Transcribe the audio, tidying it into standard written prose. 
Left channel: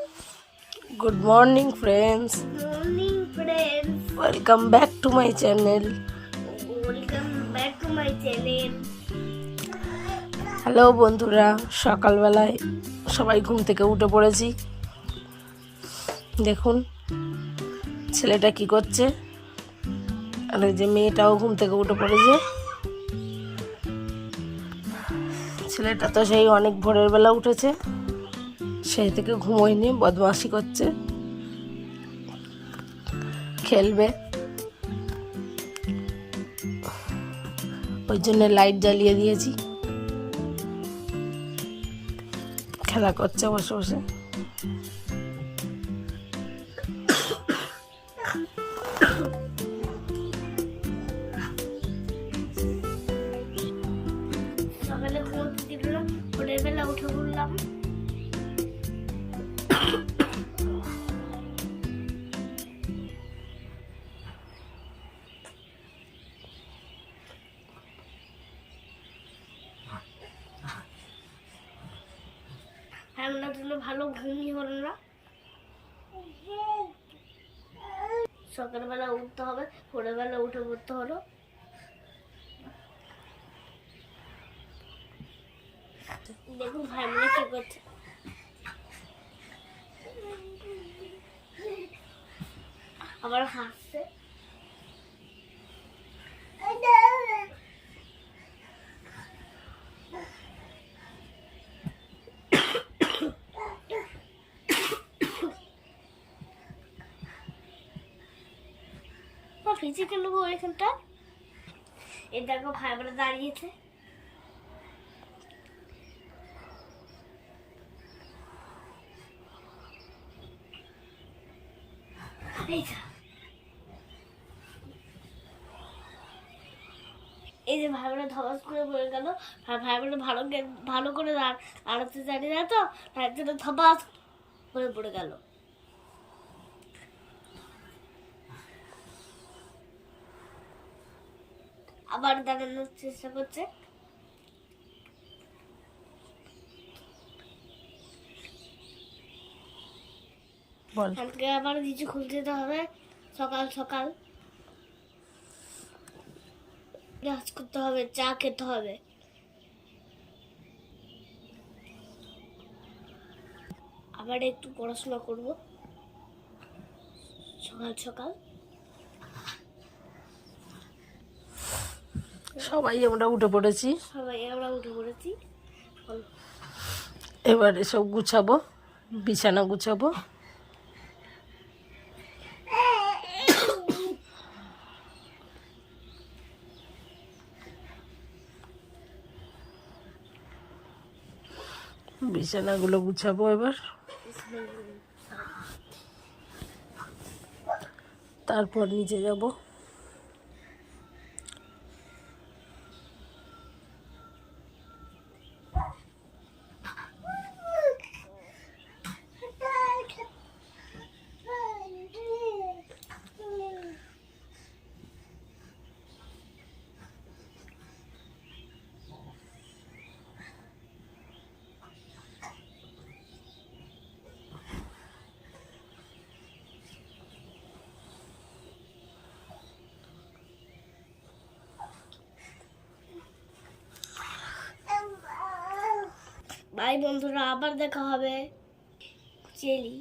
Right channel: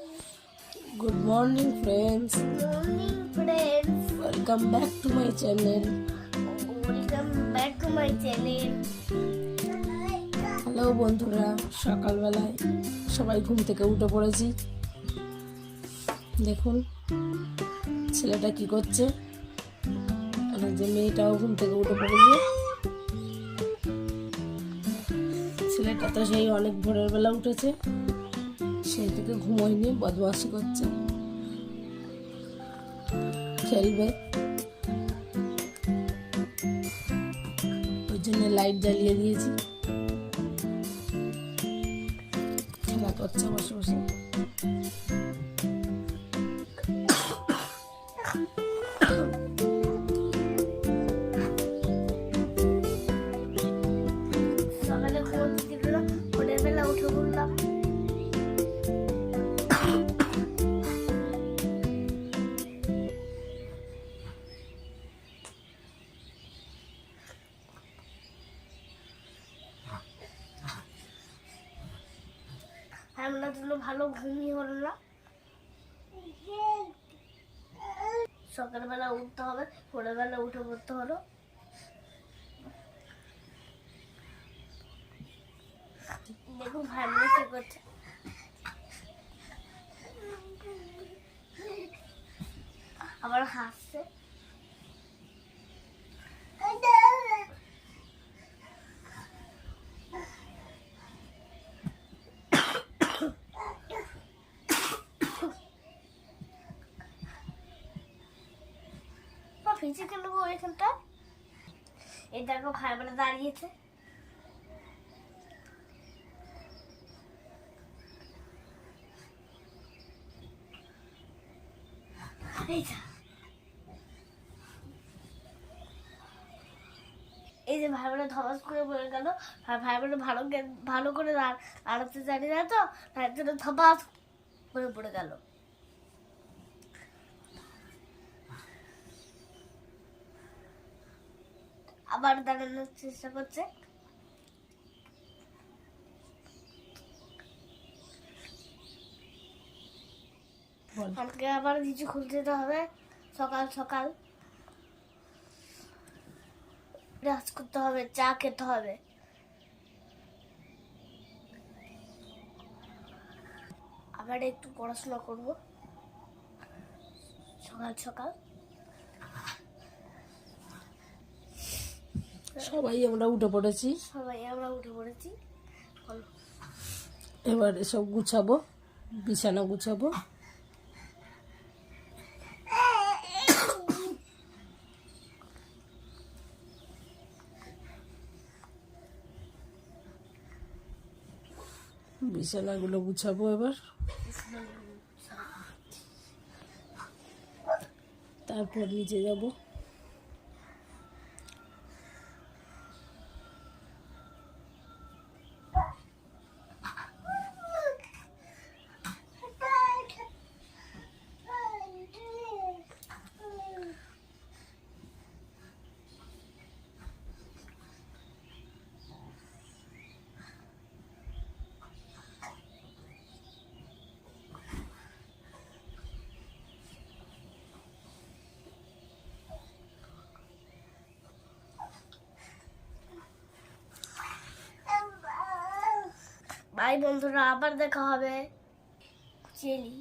Good morning, friends. Morning, friends. Welcome back to my channel. Welcome back to my channel. Hello বন্ধুরা, সকালবেলায় সবাই ঘুম থেকে উঠে পড়েছি। দেখুন ছেলেটা কি করছে, আর ওই যে মেয়েটাও ঘুম থেকে উঠে পড়েছে। ছেলেটা তো সেই অনেক ভোরের বেলা উঠেছে, সেই থেকে ঘুমোয়নি, বদমাশি করছে, খেলবে, ওই জন্য লাইট জ্বালিয়ে দিয়েছি। খেলা করছে বসে বসে। সকালে ঘুমোতে দিল না, ভোরের বেলা উঠে পড়লাম। আমার জন্য ভালো ঘুমই হলো না। সকালবেলা উঠতে হবে, ভোরের বেলা উঠে পড়তে হলো। দেখুন ভাই বোনে কি করছে। আবার হাসছে। ভিজে কেন গো এখানটা? এই দেখো ভাই বোনে দাঁড়িয়েছে। এই যে ভাই বোনে ধবাস করে পড়ে গেল। ভাই বোনে ভালো করে আড়াতে জানি না তো, তার জন্য ধবাস করে পড়ে গেল। আবার দাঁড়ানোর চেষ্টা করছে। আজকে আবার কিছু খুলতে যেতে হবে। সকাল সকাল ব্রাশ করতে হবে, চা খেতে হবে। আবার একটু পড়াশোনা করব সকাল সকাল। সবাই আমরা উঠে পড়েছি, উঠে পড়েছি। এবার এসব গুছাবো, বিছানা গুছাবো। বিছানাগুলো গুছাবো এবার, তারপর নিচে যাব। বাই বন্ধুরা, আবার দেখা হবে। চেলি।